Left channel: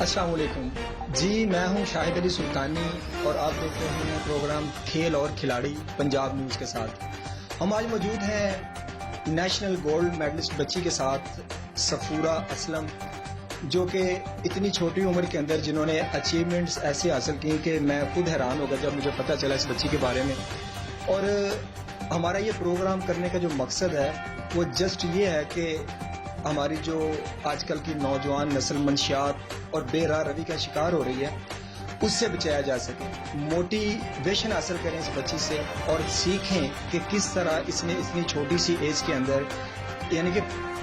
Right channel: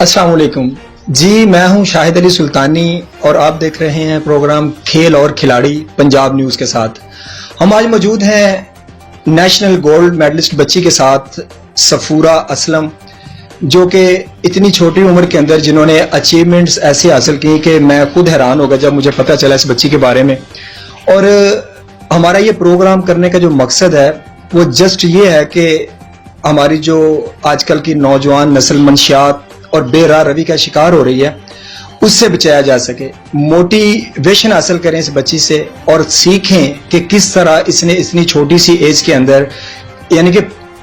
अस्सलाम वालेकुम जी, मैं हूं शाहिद अली सुल्तानी और आप देख रहे हैं प्रोग्राम खेल और खिलाड़ी पंजाब न्यूज़ के साथ। हम आज मौजूद हैं नेशनल गोल्ड मेडलिस्ट बच्ची के साथ, सफूरा असलम, जो कि इतनी छोटी उम्र के अंदर जिन्होंने अचीवमेंट्स ऐसे हासिल की कि मैं खुद हैरान हो गया जब मुझे पता चला इस बच्ची के बारे में। और हमारा ये प्रोग्राम करने का जो मकसद है वो जस्ट ये है कि हमारी जो आजकल की नौजवान नस्ल मंशियात और बेराह रवि का शिकार हो रही है उससे बचाया जा सके। मोटिवेशन हासिल करें इस बच्ची से और सीखें कि किस तरह इसने इतनी छोटी सी एज के अंदर, यानी कि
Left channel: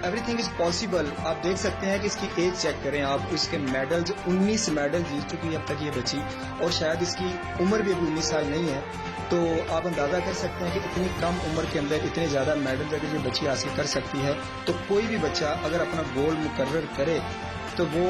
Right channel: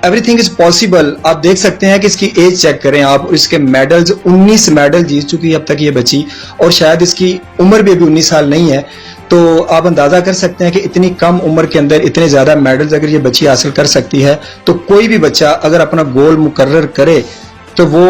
एवरीथिंग इज पॉसिबल। आप देख सकते हैं कि इसकी एज चेक करें आप, इसके मेडल्स 19 मेडल जीत चुकी है अब तक ये बच्ची, और शायद इसकी उम्र भी अभी 19 साल नहीं है। तो आप अंदाजा कर सकते हैं कि इतनी कम उम्र के अंदर इतने ज्यादा मेडल्स अगर ये बच्ची हासिल कर सकती है तो कोई भी बच्चा अगर अपना गोल मुकर्रर करे तो वो,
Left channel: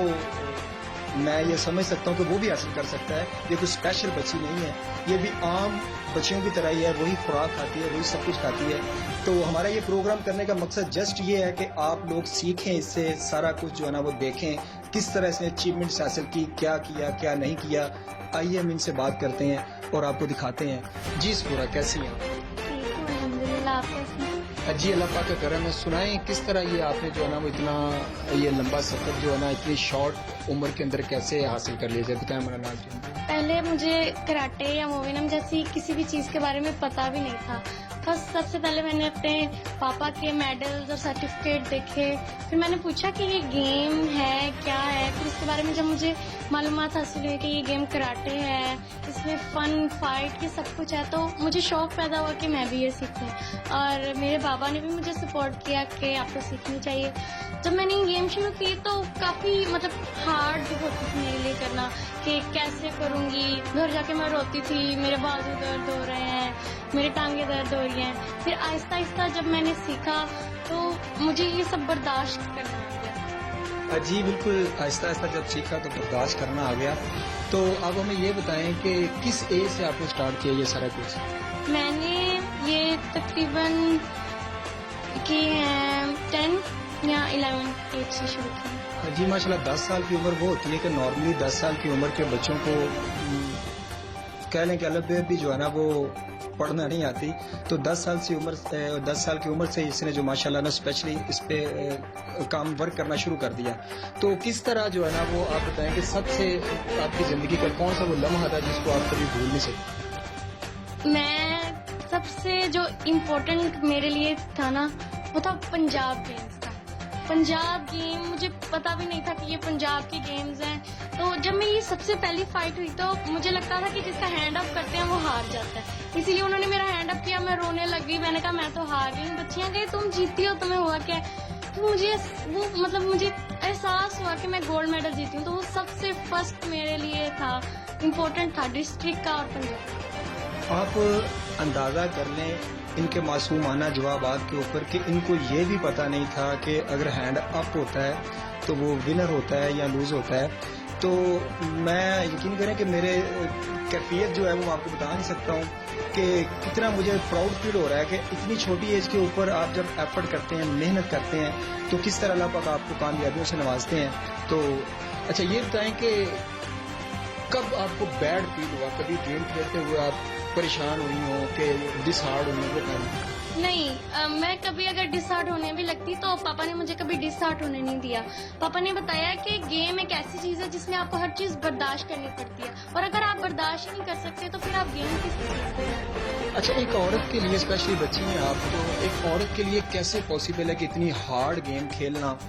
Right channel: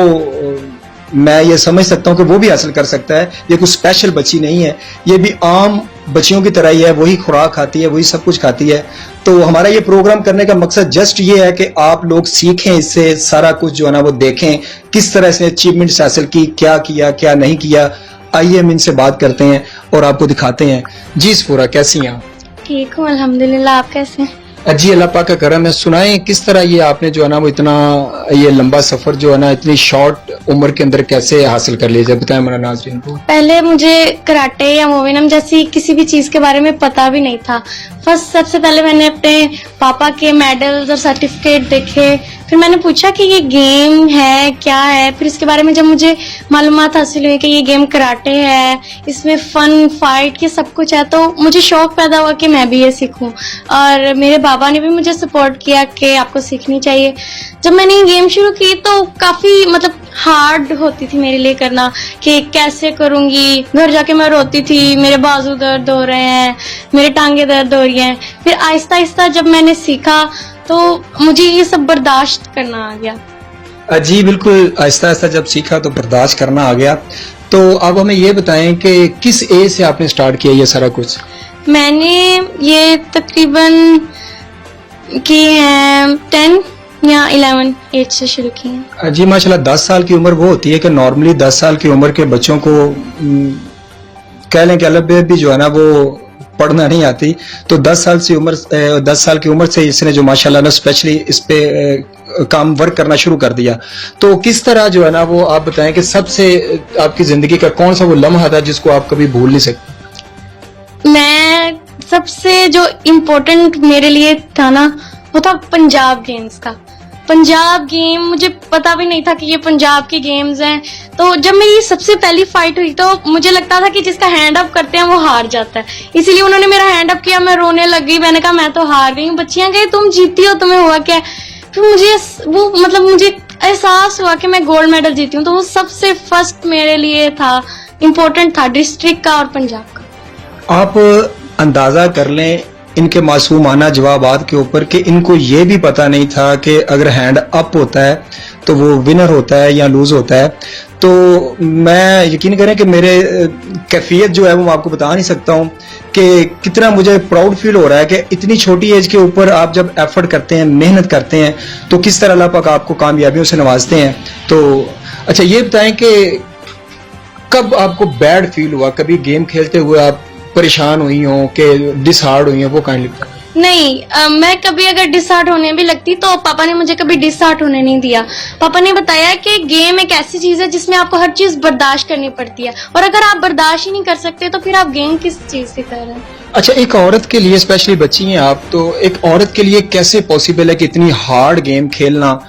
मैं ये समझ सकता हूँ कि वो भी हासिल कर सकता है। ये कुछ स्पेशल बच्ची नहीं है, ये भी आम बच्चियों की तरह ही है, वही खुराक खाती है, वही सब कुछ खाती है। तो हमारा ये प्रोग्राम करने का मकसद जस्ट ये है कि आप लोग सीखें इससे, सारा कुछ जो है ना वो देखें किस तरह से अचीवमेंट्स हासिल की, क्या किया क्या नहीं किया। आइए हम इनसे बात करते हैं और आपको दिखाते हैं। जी सफूरा, कैसी हैं आप? ठीक हूँ अल्हम्दुलिल्लाह, आप कैसे हैं? जी अल्लाह पाक का करम है। सुनाएं किस तरह ये आपने जो है ना वो इतना ये लंबा सफर जो है ना इतनी शॉर्ट उम्र के अंदर कैसे हासिल कर लिया, बताएं हमारा नाज़रीन को। पहले मुझे कराटे या मोविनम जैसी किसी भी चीज के बारे में पता भी नहीं था। फर्स्ट सबसे पहले मैंने अपने पापा के मेडल्स और सर्टिफिकेट देखे, फिर मैंने पूछा कि ये गेम है क्या है। फिर इसके बारे में जब मुझे मालूमात हासिल हुई कि ये गेम कराटे है, इसमें फन फाइट ये सब कुछ है, तो मुझे शौक पैदा हुआ कि मैं भी ये सीखूं। और मेरे बाबा ने भी मुझे सपोर्ट किया कि आपको सीखनी चाहिए। जब मैंने ये गेम शुरू की तो काफी हार्ड होती थी मेरे लिए करना कि कैसे करूंगी। घर जाके मैं रोती थी, मेरे बाजू दर्द हो रहे हैं, मेरे टांगे दर्द हो रही हैं। फिर आहिस्ता आहिस्ता जब मैंने सीखा तो मुझे ये सब बर्दाश्त करना आ गया। जी बिल्कुल, आहिस्ता आहिस्ता जब सीखा तो बर्दाश्त करना आ गया। तो अब हमें ये बताएं कि किस एज से आपने स्टार्ट किया ये सारा कुछ? मैंने ये तकरीबन की है 10 या 11 एज से शुरू की है। जी माशाल्लाह, 10 साल की उम्र वो होती है कि नॉर्मली 10 साल की उम्र के बच्चों को कह लें कि अलब भी जो है ना वो पढ़ना नहीं आती। तो 10 साल की उम्र से इसने जो माशाल्लाह ना स्पेशली इस पे काम वर्क करना शुरू कर दिया। तो किस तरह जो है ना वो आप बताएं कि सबसे आपकी जिंदगी का कौन सा वो लम्हा था जिसको आप कभी भूल नहीं सकते? मैं सबसे जो इम्पोर्टेंट मेरे लिए था ना वो था पंजाब गेम्स का। पंजाब गेम मुझे पता भी नहीं था कि ये पंजाब के गेम्स हैं। तो जब मेरी सबसे पहली फाइट हुई तो मुझे लगता था कि जिसका हैंड अप करते हैं वो हार जाता है, इसीलिए उन्होंने मेरा हैंड अप किया, मैं रोने लग गई। मैंने कहा मैं तो हार गई हूँ। बच्चियां गई तुम जीती हो, तुम्हें हुआ क्या? फिर मुझे वो मुझे एहसास हुआ कि मैं गोल्ड मेडल जीती हूँ। तो वो सबसे फर्स्ट मेरे लिए था, इम्पोर्टेंट था, डिस्ट्रिक्ट का और पंजाब का। आप अंदाजा कर लें इनके मासूमाना जवाबात के ऊपर कि इनको ये भी पता नहीं था कि अगर हैंड अप होता है तो वो विनर होता है या लूज होता है। तो मैं यकीन करें कि मेरे कैफियत जो है वो मैं आपको बता नहीं सकता हूँ कि कितना मुझे प्राउड फील हो रहा है कि इतनी छोटी एज के ऊपर आप जब एफर्ट करते हैं, मेहनत करते हैं, तो किस तरह अल्लाह पाक आपको कामयाबियों से नवाजते हैं। तो अच्छा ये बताएं कि कब आपको बैड फील हुआ, कभी गेम खेलते हुए आप परेशान हुई हो कि डिसहार्ड हुई हो, वो काइंडली? नहीं, मैं कभी अगर डिसहार्ट होने भी लगती तो पापा ने मुझे कभी डिसहार्ट होने नहीं दिया। पापा ने बताया कि गेम एक ऐसी चीज है जिसमें आपको हर चीज बर्दाश्त करनी पड़ती है, और अगर आप बर्दाश्त ही नहीं कर सकते तो फिर आप गेम किस चीज की कर रहे हैं। अच्छा, एक औरत के लिए, स्पेशली बच्ची हैं आप, तो एक औरत के लिए कैसे पॉसिबल है कि इतनी हार्ड गेम खेलना,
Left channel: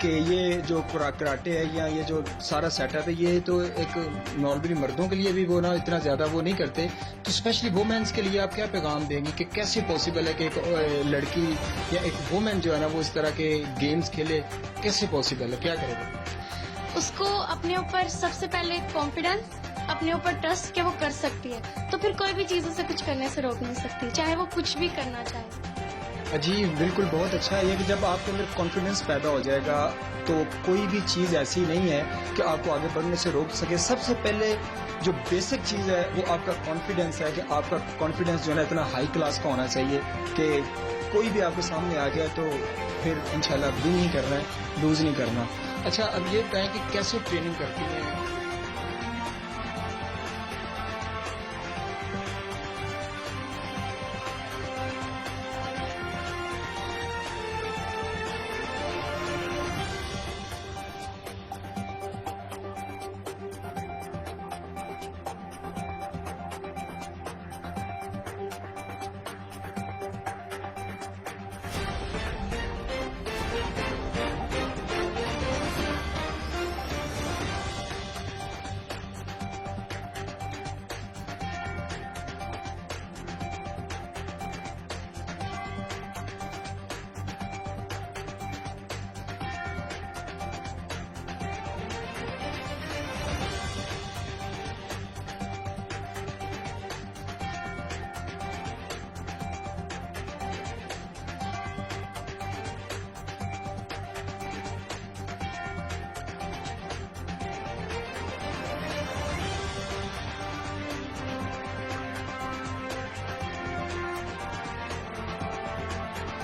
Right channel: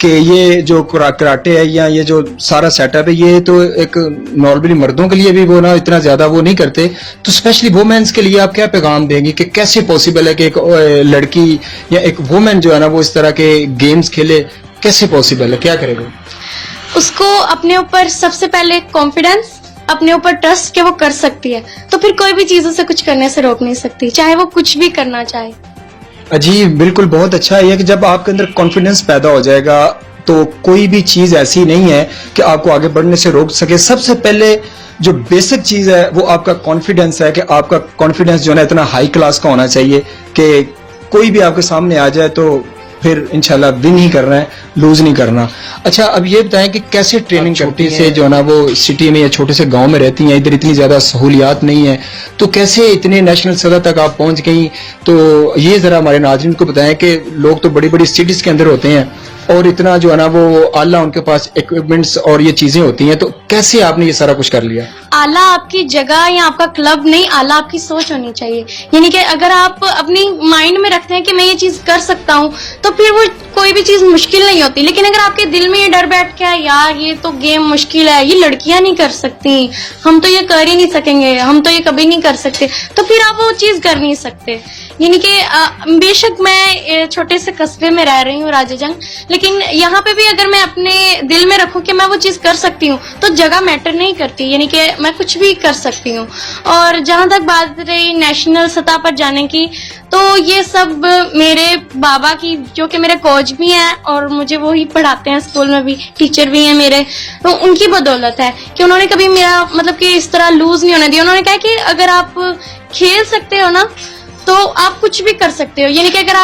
कि ये जो कराटे है या ये जो सारा सेटअप है ये तो एक नॉर्मली मर्दों के लिए भी वो ना इतना ज्यादा वो नहीं करते, तो स्पेशली वुमेन्स के लिए आप क्या पैगाम देंगे कि कैसे पॉसिबल है कि एक लड़की या एक वुमेन जो है ना वो इस तरह के गेम्स खेले? कैसे पॉसिबल है, क्या करेगा? उसको अपने ऊपर सबसे पहले कॉन्फिडेंस, अपने ऊपर ट्रस्ट कि वो कर सकती है, तो फिर कोई भी चीज उसे कुछ करने से रोक नहीं सकती, चाहे वो कुछ भी करना चाहे। जी बिल्कुल, बहुत अच्छा है कि जब आपके अंदर कॉन्फिडेंस पैदा हो जाएगा तो कोई भी चीज ऐसी नहीं है कि आपको आगे बढ़ने से रोक सके। सबसे पहले जो बेसिक चीज है वो आपका कॉन्फिडेंस है कि आपका कॉन्फिडेंस जो है इतना हाई क्लास का होना चाहिए कि कोई भी आपके सामने आ जाए तो پھر انشاءاللہ ون ہی کرنا ہے, لوز نہیں کرنا. اچھا اب یہ بتائیں کہ کیسے ٹریننگ کرتی سے جو ہے نا وہ سٹی میں یا چھوٹے سے گاؤں میں رہتی ہیں, ادھر اتنی زیادہ سہولیات نہیں ہیں, تو کیسے اتنے نیشنل سطح تک آپ پہنچ گئیں؟ تو یہ ذرا ہمارے ناظرین کو بتائیں کہ لوگ تو بڑی بڑی سٹیز کے اندر ہوتے ہیں اور اتنا جو ہے نا وہ اعلیٰ ان کے پاس اکوپمنٹس اور یہ چیزیں ہوتی ہیں, تو کیسے آپ نے یہ سارا کچھ کر لیا؟ اعلیٰ آپ کی جگہ یا آپ کا کلب نہیں, اعلیٰ آپ کی سوچ ہونی چاہیے. یعنی کہ اگر آپ اپنی مائنڈ میں رکھتے ہیں کہ میں یہ چیز کر سکتا ہوں تو پھر وہ کوئی بھی چیز مشکل نہیں ہوتی. لیکن اگر آپ کے دل میں یہ ڈر بیٹھ گیا یار یہ تو گیم مشکل ہے, یہ لڑکیاں نہیں کر سکتی, ہم تو یہ کر ہی نہیں سکیں گے, ہم تو یہ کبھی نہیں کر سکتے, تو پھر آپ وہ چیز کر نہیں سکتے. یعنی کہ بے شک میں چھوٹے سے قصبے میں رہ رہی ہوں راجہ جنگ, لیکن یہاں پہ بھی اگر میں اپنے دل میں رکھوں کہ میں وہ چیز کر سکتی ہوں تو جگہ میٹر نہیں کرتی. یعنی کہ میں کچھ بھی کر سکتی ہوں. اور جہاں تک بات رہی نیشنل سطح پر جانے کی, تو یہ سب میرے بابا کی جو کہ میرے کوچ بھی ہیں اور مجھے وہی پڑھاتے ہیں اسکول میں بھی, ٹیچر بھی ہیں میرے, تو ان کی بدولت ہے کہ انہوں نے کبھی میرا مطلب کہ اس طرح لوز نہیں ہونے دیا. انہوں نے کہا کہ اگر آپ کھیل سکتے ہو نا تو آپ کچھ بھی کر سکتے ہو. یعنی کہ اگر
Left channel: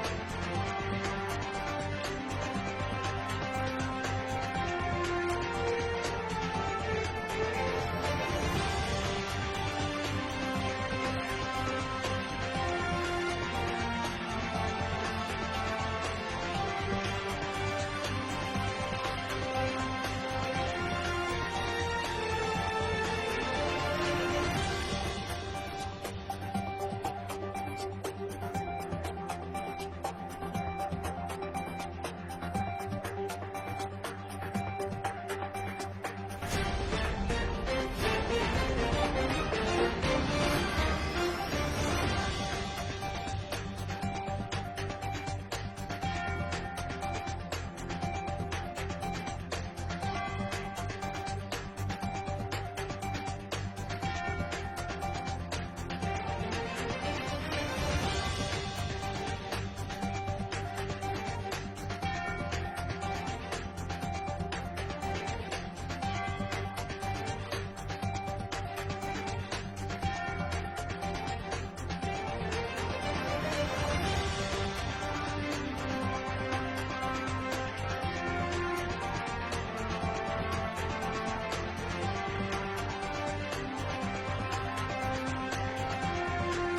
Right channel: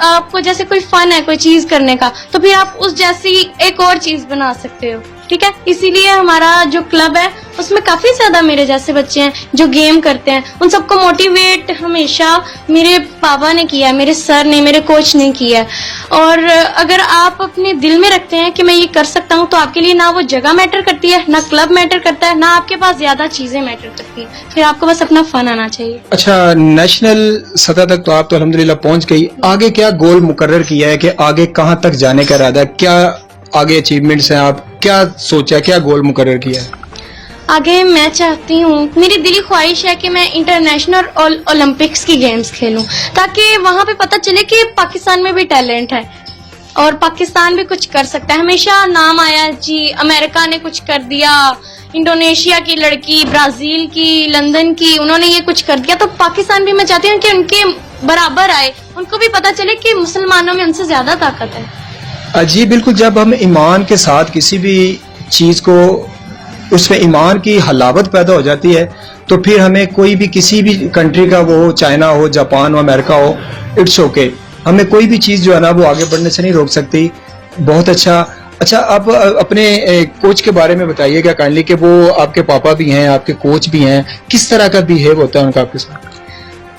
آپ کو جیسے کوئی فن ہے کوئی چیز کرنے کا تو پھر آپ اس جیسی ایک اور چیز بنا سکتے ہو. ٹھیک ہے, اسی لیے ہمارا جو کلب ہے اس میں کافی زیادہ میرے جیسے بچے ہیں جو گیم کرتے ہیں. ان سب کو موٹیویٹ ہمیشہ میرے پاپا نے کیا ہے, میرے سر نے, میرے کوچ نے کیا ہے. اور اگر آپ اپنے دل میں رکھتے ہیں کہ میں یہ کر سکتا ہوں تو آپ کے لیے نہ وہ جگہ میٹر کرتی ہے, نہ کلب میٹر کرتا ہے, نہ آپ کے پاس زیادہ چیزیں میٹر کرتی ہیں. پھر آپ کو بس اپنا فن آنا چاہیے. اچھا نیشنل سطح تک تو آپ تو الحمدللہ پہنچ گئی, آگے کیا گول مقرر کیا ہے کہ آگے کہاں تک جانے کا ارادہ ہے, کیا آگے اچیومنٹس ہیں, آپ کیا سوچا, کیا گول مقرر کیا ہے؟ آگے میں چاہتی ہوں, میری دلی خواہش ہے کہ میں انٹرنیشنل اور اولمپکس کی گیمز کھیلوں تاکہ وہاں پہ پتہ چلے کہ پاکستان میں بھی ٹیلنٹ ہے اور پاکستان بھی کچھ کر سکتا ہے. ہمیشہ نام آیا جی امریکہ نے کچھ کر دیا, انڈونیشیا کی لڑکی, برازیل کی, لندن کی, انہوں نے یہ کچھ کر دیا, تو پاکستان بھی میں چاہتی ہوں کہ ان کے برابر آئے, ان کو بھی پتہ چلے کہ مسلمانوں میں ان سے زیادہ طاقت ہے. جی بالکل, جب ہم ایمان کے ساتھ کسی بھی چیز کو اس میں ایمان کی حلاوت پیدا ہو جاتی ہے تو پھر ہمیں کوئی بھی کسی بھی کنٹری کا, وہ چائنا ہو, جاپان ہو, امریکہ ہو, اٹس اوکے, ہمیں کوئی بھی چیز جو ہے نا وہ آگے بڑھنے سے نہیں روک سکتی. بہت اچھا. اچھا آپ اپنے کوچ کے بارے میں بتائیے گا کائنڈلی کہ وہ آپ کے پاپا بھی ہیں, آپ کے کوچ بھی ہیں, کس طرح کا بیہیو ہوتا ہے ان کا آپ کے ساتھ؟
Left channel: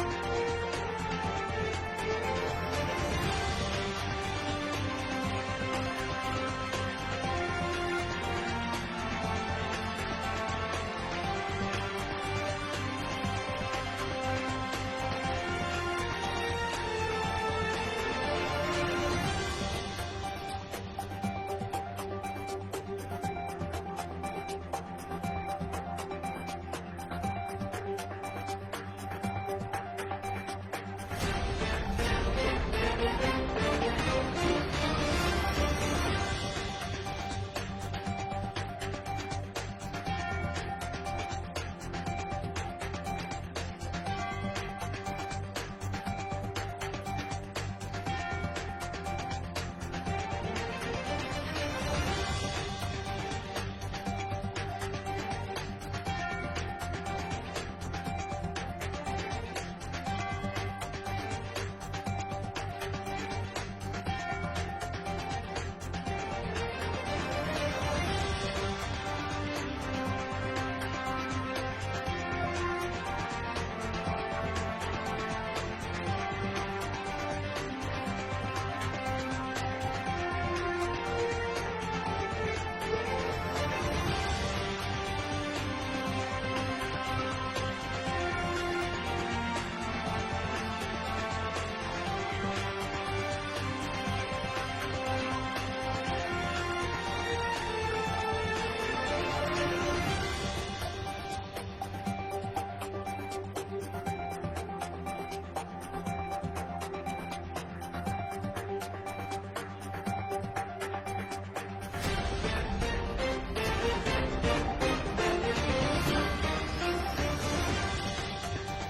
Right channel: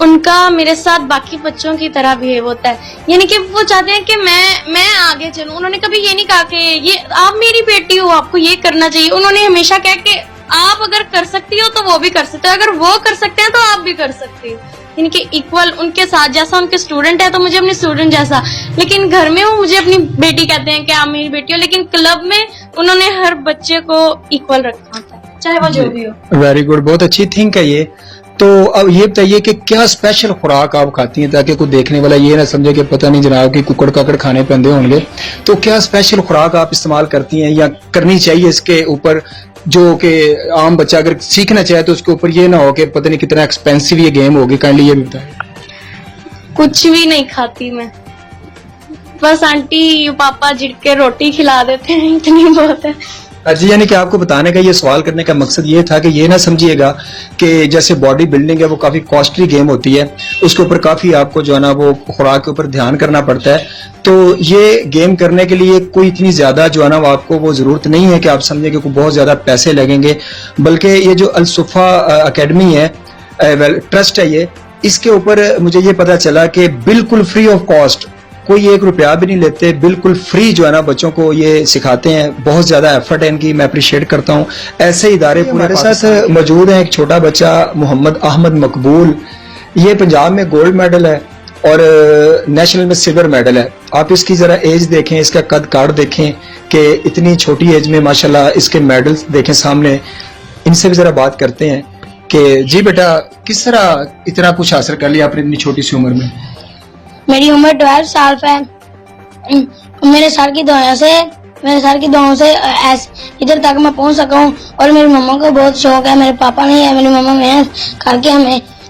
ان کا میرے ساتھ باقی بچوں کی طرح بیہیو ہوتا ہے. یعنی کہ وہ چاہتے ہیں کہ میں آگے چلوں. انہوں نے کبھی یہ نہیں کہا کہ یہ آپ میری بیٹی ہو آپ کو یہ کرنا چاہیے. انہوں نے ہمیشہ کہا کہ آپ اگر کر سکتی ہو تو وہ بھی کر سکتے ہو, اگر وہ کر سکتے ہیں تو آپ بھی کر سکتے ہو. یعنی کہ ایکول ان کے ساتھ, جیسا ان کے اسٹوڈنٹ ہے تو مجھے اپنے اسٹوڈنٹ جیسا, لیکن گھر میں وہ مجھے اپنی بیٹی کہتے ہیں کہ آپ میری بیٹی ہو, لیکن کلب میں انہوں نے ہر بچے کو ایکول رکھا تھا چاہے وہ جو بھی ہو. ویری گڈ, بہت اچھی تھنک ہے یہ. تو اب یہ بتائیے کہ کیا اسپیشل خوراک آپ کھاتی ہیں تاکہ کوئی دیکھنے والا یہ نہ سمجھے کہ پتہ نہیں جناب کہ ککڑ کاکڑ کھانے پہ اندھے ہوں گے, تو کیا اسپیشل خوراک آپ استعمال کرتی ہیں یا کرنی چاہیے اس کے اوپر, جو کہ عام بچہ اگر سیکھنا چاہے تو اس کے اوپر یہ نہ ہو کہ پتہ نہیں کتنا ایکسپینسو یہ گیم ہوگی, کائنڈلی یہ بھی بتائیں. کچھ بھی نہیں کھاتی میں, بس آنٹی پاپا جھڑ کے روٹی کھلا دیتے ہیں, اتنی بہت ہے. جی یعنی کہ آپ کو بتانے کا یہ سوال کرنے کا مقصد یہ تھا کہ یہ نہ سمجھیے گا کہ جیسے باڈی بلڈنگ ہے وہ کافی کاسٹلی گیم ہوتی ہے, اس کے اوپر کافی آپ کو جو ہے نا وہ خوراک کے اوپر دھیان کرنا پڑتا ہے. تو یہ گیم کرنے کے لیے کوئی اتنی زیادہ جو ہے نا وہ آپ کو وہ ضرورت نہیں ہے کہ آپ سمجھیں کہ کوئی بہت زیادہ پیسے لگیں گے, بلکہ یہ جو الصفا اکیڈمی ہے, ٹرسٹ ہے یہ, اس کے اوپر مجھے یہ پتا چلا کہ بالکل فری آف کاسٹ, کوئی 1 روپیہ بھی نہیں لیتے, بالکل فری جو ہے نا بچوں کو یہ سکھاتے ہیں. بہت زیادہ ایفرٹ ہے ان کی, میں اپریشیٹ کرتا ہوں. ایسے ادارے ہمارے ساتھ موجود ہیں. ایک چھوٹا بچہ محمد احمد مقبول, یہ پنجاب میں گولڈ میڈل ہے اور نیشنل میں سلور میڈل ہے. آپ اس کی ذرا ایج دیکھیں, اس کا قد کاٹ دیکھیں کہ اتنی چھوٹی ایج میں ماشاءاللہ اس کے میڈلز دیکھیں سامنے. ان سے بھی ذرا بات کرتے ہیں کہ جی بیٹا کس طرح اتنا کچھ حاصل کر لیا آپ نے اتنی چھوٹی سی عمر میں؟ میری عمر 12 سال ہے. میرے سر کی دعاؤں سے ادھر تک میں پہنچ سکا ہوں, اور میری مما کو بہت شوق ہے, میرے پاپا نہیں ہے, میری مما محنت کر کے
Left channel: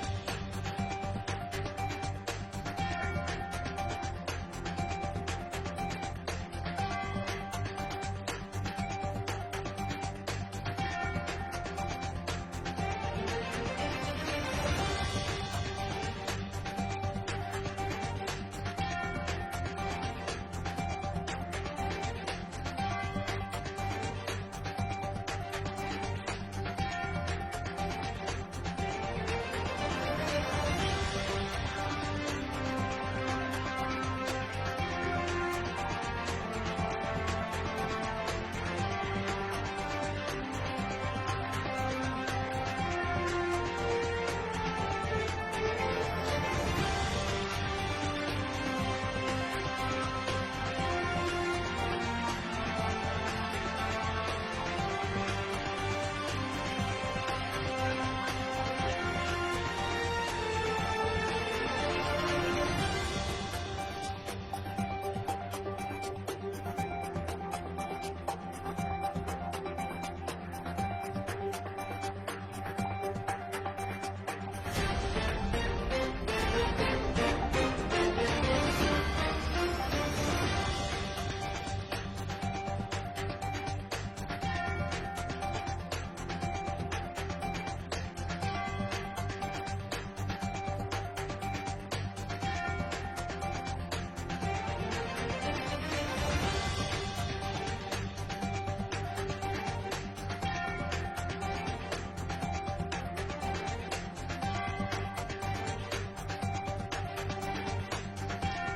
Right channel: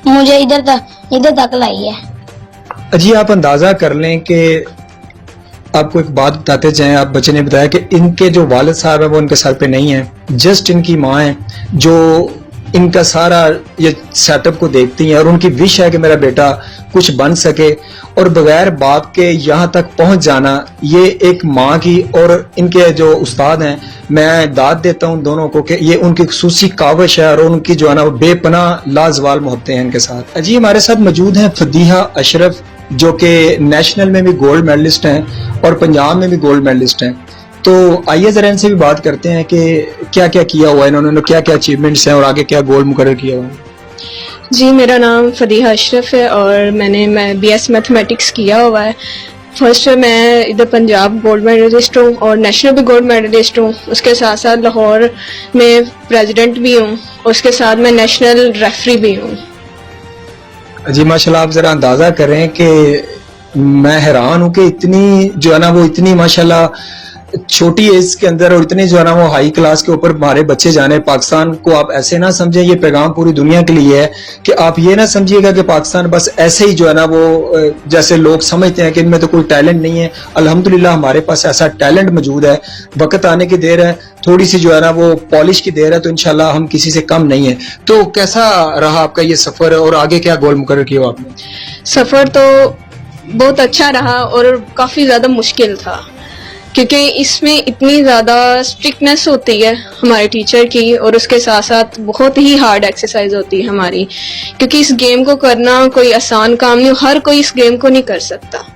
مجھے ادھر تک لائی ہے. جی آپ اندازہ کر لیں کہ آپ کو ایک بات بتاتے جائیں. آپ بچے نے بتایا کہ ان کے جو والد صاحب ہیں وہ ان کے سر پہ نہیں ہیں, جسٹ ان کی ماں ہیں جو इनका सारा ये सेटअप को देखती हैं और उनकी विश है कि मेरा बेटा कुछ बन सके, और बगैर बाप के यहाँ तक पहुँच जाना ये एक माँ की और इनके जो उस्ताद हैं, मैं दाद देता हूँ दोनों को कि ये उनकी खुसूसी काविश है और उनकी जो है ना वो बेपनाह लाजवाल मोहब्बतें हैं इनके साथ। जी हमारे साथ मौजूद हैं फदीहा अशरफ, जो कि नेशनल में भी गोल्ड मेडलिस्ट हैं और पंजाब में भी गोल्ड मेडलिस्ट हैं। तो आइए जरा इनसे भी बात करते हैं कि क्या क्या किया हुआ है इन्होंने, क्या क्या अचीवमेंट्स हैं और आगे क्या गोल मुकर्रर किया हुआ है। जी, मेरा नाम फदीहा अशरफ है और मैं BS मैथमेटिक्स किया हुआ है। फर्स्ट मैं इधर पंजाब गोल्ड मेडलिस्ट हूँ और नेशनल भी गोल्ड मेडलिस्ट हूँ। उसके साथ साथ लाहौर में प्रेसिडेंट भी हूँ, उसके साथ मैं नेशनल रेफरी भी हूँ। जी माशाल्लाह, आप जरा अंदाजा करें कि मैं हैरान हूँ कि इतनी जो है ना वो इतनी माशाल्लाह छोटी एज के अंदर और इतने जो है ना वो हाई क्लास के ऊपर हमारे बच्चे जाने। पाकिस्तान को आप ऐसे ना समझें, ये पैगाम पूरी दुनिया के लिए है कि आप ये ना समझिएगा कि पाकिस्तान बस ऐसे ही जो है ना वो जैसे लोग समझते हैं कि इनमें तो कोई टैलेंट नहीं है। अल्हम्दुलिल्लाह हमारे पास ऐसा टैलेंट मौजूद है, वक्त आने की देर है, थोड़ी सी जो है ना वो पॉलिश की देर है, तो इंशाल्लाह हम किसी से कम नहीं है। तो कैसा रहा आपका ये सफर और आगे क्या गोल मुकर्रर किया आपने? सफ़र तो बहुत अच्छा रहा और काफ़ी ज़्यादा मुश्किल था, क्योंकि इसमें इतनी ज़्यादा स्ट्रिक्टनेस होती है हमारे टीचर की और उसके साथ साथ बहुत ही हार्ड एक्सरसाइज होती है हमारी, क्योंकि इस गेम को करना कोई आसान काम नहीं, हर कोई इस गेम को नहीं कर सकता।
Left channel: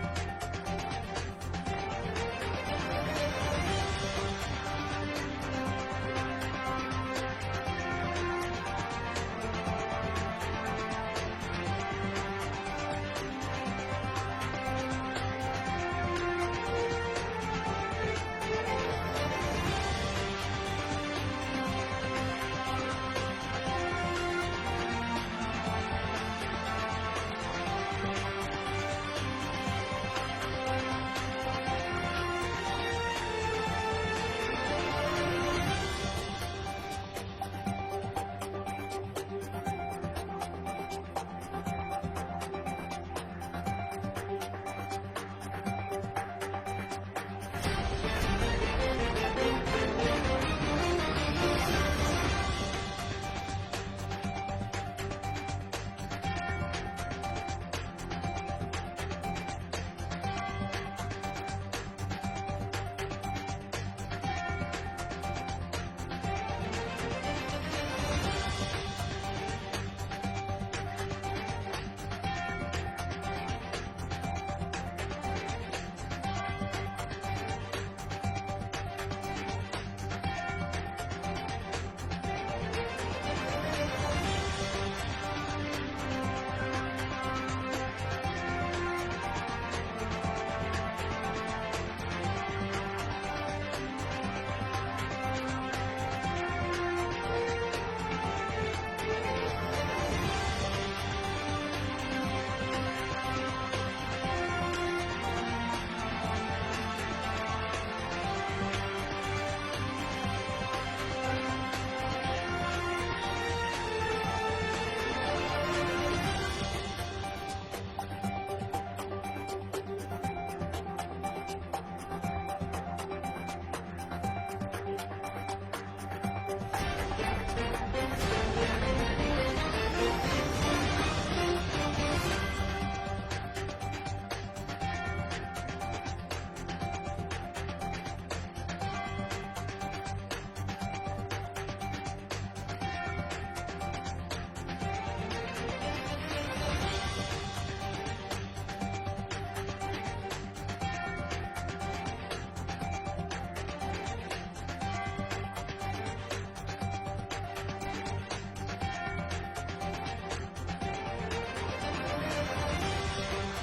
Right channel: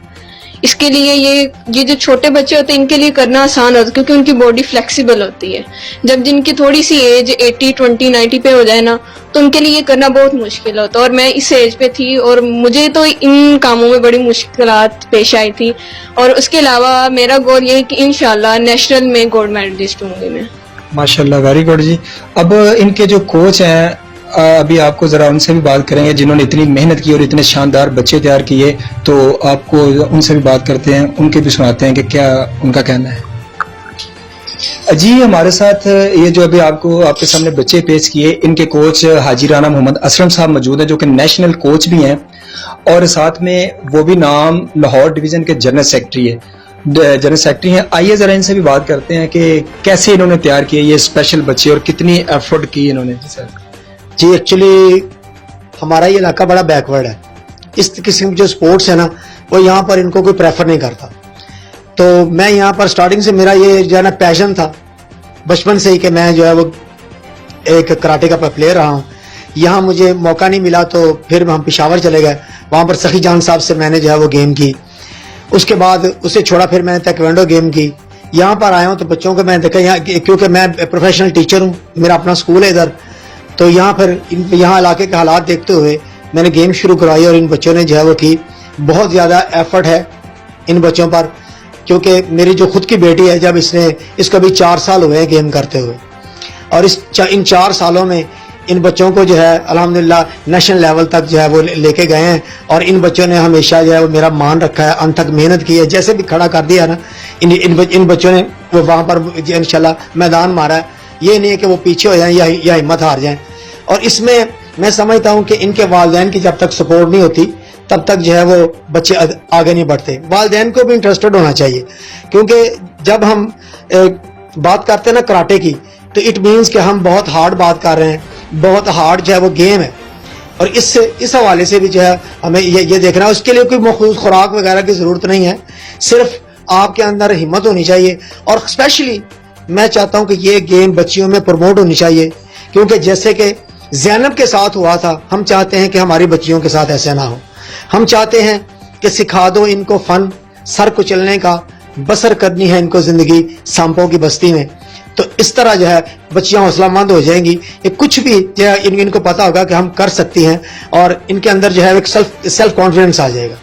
इसके लिए ये जो छोटे बच्चे होते हैं इनके लिए करना आसान होता है, क्योंकि उनकी बॉडी फ्लेक्सिबल होती है। जब जिनकी थोड़ी सी एज 80, 20, 90 पे हो जाए ना, तो उनके लिए ये करना बहुत मुश्किल होता है। और मैं इस एज पे थी और मुझे तो इन कामों में बड़ी मुश्किलात पेश आई थी। और उसके अलावा मेरा गोल ये है कि इंशाल्लाह नेशनल में गोल्ड मेडलिस्ट होंगी मैं। माशाल्लाह, वेरी गुड जी। अब इनके जो कोच हैं, अभी आपको जरा उनसे भी बात करेंगे जिन्होंने इतनी मेहनत की और इतने शानदार बच्चे तैयार किए, तो आपको उनसे भी बात करते हैं, उनके भी सुनाते हैं कि क्या उनका कहना है। जी हमारे साथ ये जो अभी आपके सामने बच्चे पेश किए, इनके कोच हाजी राना मोहम्मद असलम साहब मौजूद हैं, जो कि नेशनल कोच भी हैं और साथ में वो भी नाम लाहौर डिवीजन के जनरल सेक्रेटरी हैं। आइए जरा इनसे भी बात करते हैं कि कैसे इन्होंने तैयार किए ये स्पेशल बच्चे और कितनी एफर्ट की इन्होंने। जी एक्चुअली हमारा ये इलाका बड़ा बैकवर्ड है, इस किस्म के जो स्पोर्ट्स है ना वो यहाँ पर इनको कोई प्रेफर नहीं करता। तो मैं यहाँ पर स्टार्टिंग से मेरा ये जो है ना पैशन था बचपन से ही कि मैं जो है वो एक कराटे का प्लेयर रहा हूँ। यहाँ मुझे मौका नहीं मिला तो फिर हम पेशावर चले गए, वहाँ पर सखी जान साहब से मैंने जो है वो गेम की। उसके बाद उसे छोड़ा, फिर मैंने ताइक्वांडो गेम की। यहाँ पर आया हूँ तो बच्चों को मैं देखा यहाँ, क्योंकि मैं प्रोफेशनल टीचर हूँ, मेरा अपना स्कूल है इधर, तो यहाँ फिर यहाँ इलाके के हालात देखते हुए मैंने गेम शुरू करवाई और इन बच्चों ने जो है वो की। बहुत ज़्यादा एफर्ट है इन बच्चों पर, क्योंकि मेरी जो खुद की बेटी है, जब इसको भी 4 साल हुए हैं गेम करते हुए, और इन 4 सालों में इन बच्चों को जो है अल्हम्दुलिल्लाह नेशनल लेवल तक जो है वो लेके गए हैं। और इन बच्चों ने हमेशा जो है वो मेरा मान रखा है, अंत तक मेहनत की है। जैसे भी खड़ा कर दिया ना इन बच्चों ने वो वहाँ पर इंशाल्लाह मैदान मारा है। ये नहीं है कि वो पीछे हो जाएं या हिम्मत हार जाएं। और इसमें मैं समझता हूँ कि इनके वालिदैन की जब तक सपोर्ट नहीं होती तब तक जो है वो बच्चे आगे नहीं बढ़ते। वालिदैन को भी इंटरेस्टेड होना चाहिए, क्योंकि जब हम बात करते हैं ना कराटे की, तो इट मीन्स कि हम बहुत हार्ड बात कर रहे हैं, बहुत हार्ड जो है वो गेम है। और इस हवाले से भी जो है हमें ये देखना है, उसके लिए कोई मखसूस खुराक वगैरह की ज़रूरत नहीं है, सिर्फ आपके अंदर हिम्मत होनी चाहिए। और स्पेशली मैं चाहता हूँ कि ये गेम बच्चियों में प्रमोट होनी चाहिए, क्योंकि जैसे कि ज़ैनब के साथ हुआ था, हम चाहते हैं कि हमारी बच्चियों के साथ ऐसा ना हो। हम चाहते हैं कि सिखा दो इनको फ़न, सर कुचलने का, बसर करनी है इनको ज़िंदगी सांपों की बस्ती में। तो इस तरह जो है बच्चियां हौसलामंद हो जाएंगी, ये कुछ भी जो है इनको पता होगा कि हम कर सकती हैं, और इनके अंदर जो है एक सेल्फ कॉन्फिडेंस आ जाएगा।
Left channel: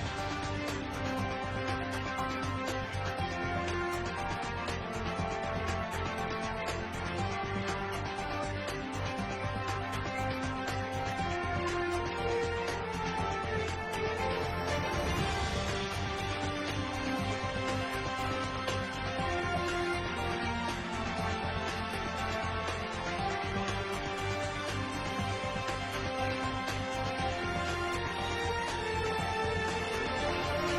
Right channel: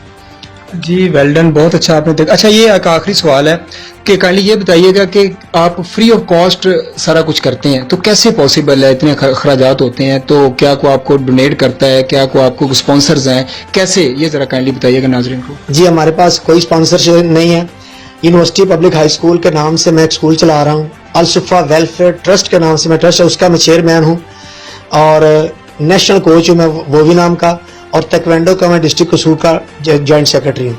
जी वेल डन, बहुत अच्छा आपने देखा। अच्छा, ये एक आखिरी सवाल है कि काइंडली ये बताइएगा कि आप फ्री ऑफ कॉस्ट सारा कुछ करते हैं, तो कैसे पॉसिबल है? इतने खराजात होते हैं, तो क्या को आपको डोनेट करता है, क्या को आपको स्पॉन्सर्स हैं, कैसे, ये जरा काइंडली बताइएगा नाज़रीन को। जी हमारे पास कोई स्पॉन्सरशिप नहीं है। यूनिवर्सिटी पब्लिक हाई स्कूल के नाम से मैं एक स्कूल चला रहा हूँ, अल सुफ़ा वेलफेयर ट्रस्ट के नाम से मैं ट्रस्ट है, उसका मैं चेयरमैन हूँ, और नेशनल कोच हूँ मैं वो भी नाम का, और ताइक्वांडो का मैं डिस्ट्रिक्ट कसूर का जॉइंट सेक्रेटरी हूँ।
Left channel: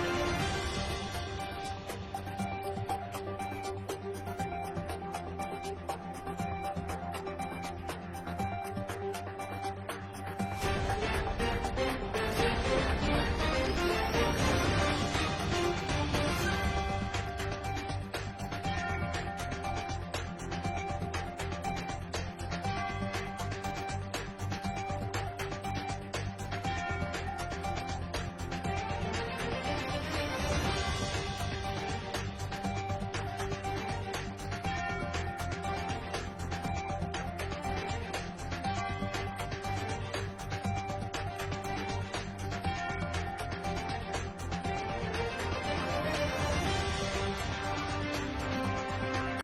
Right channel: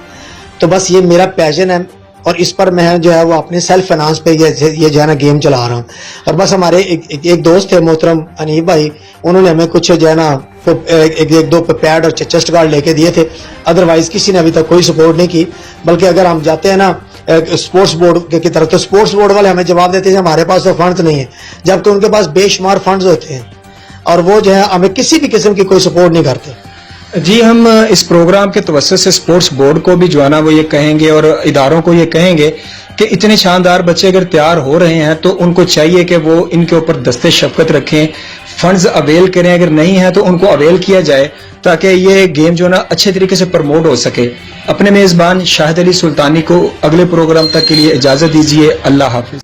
तो बस ये मेरा पैशन है, और इस पर मैं जो है वो अपने सेल्फ फाइनेंस पे ये जो है ना गेम चला रहा हूँ। और बस हमारे एक दोस्त थे मोहतरम अनीब भाई, उन्होंने हमें कुछ जो है ना एक दो पैड और चेस्ट गार्ड लेके दिए थे, अदरवाइज किसी ने अभी तक कोई सपोर्ट नहीं की। बल्कि अगर हम जाते हैं ना स्पोर्ट्स बोर्ड की तरफ, तो स्पोर्ट्स बोर्ड वाले हमें जवाब देते हैं हमारे पास तो फंड्स नहीं है, जबकि उनके पास बेशुमार फंड्स होते हैं और वो जो है हमें किसी भी किस्म की कोई सपोर्ट नहीं करते। जी, हम इस प्रोग्राम के तवज्जुह से स्पोर्ट्स बोर्ड को भी जो है ना वो ये कहेंगे और इदारों को ये कहेंगे कि इतने शानदार बच्चे अगर तैयार हो रहे हैं तो उनको चाहिए कि वो इनके ऊपर दस्ते शफकत रखें, फंड्स अवेल करें, अगर नहीं है तो उनको अवेल किया जाए ताकि ये गेम जो ना अच्छे तरीके से प्रमोट हो सके। अपने मेज़बान शाहिद अली सुल्तानी को अगले प्रोग्राम तक के लिए इजाज़त दीजिए। अल्लाह हाफिज।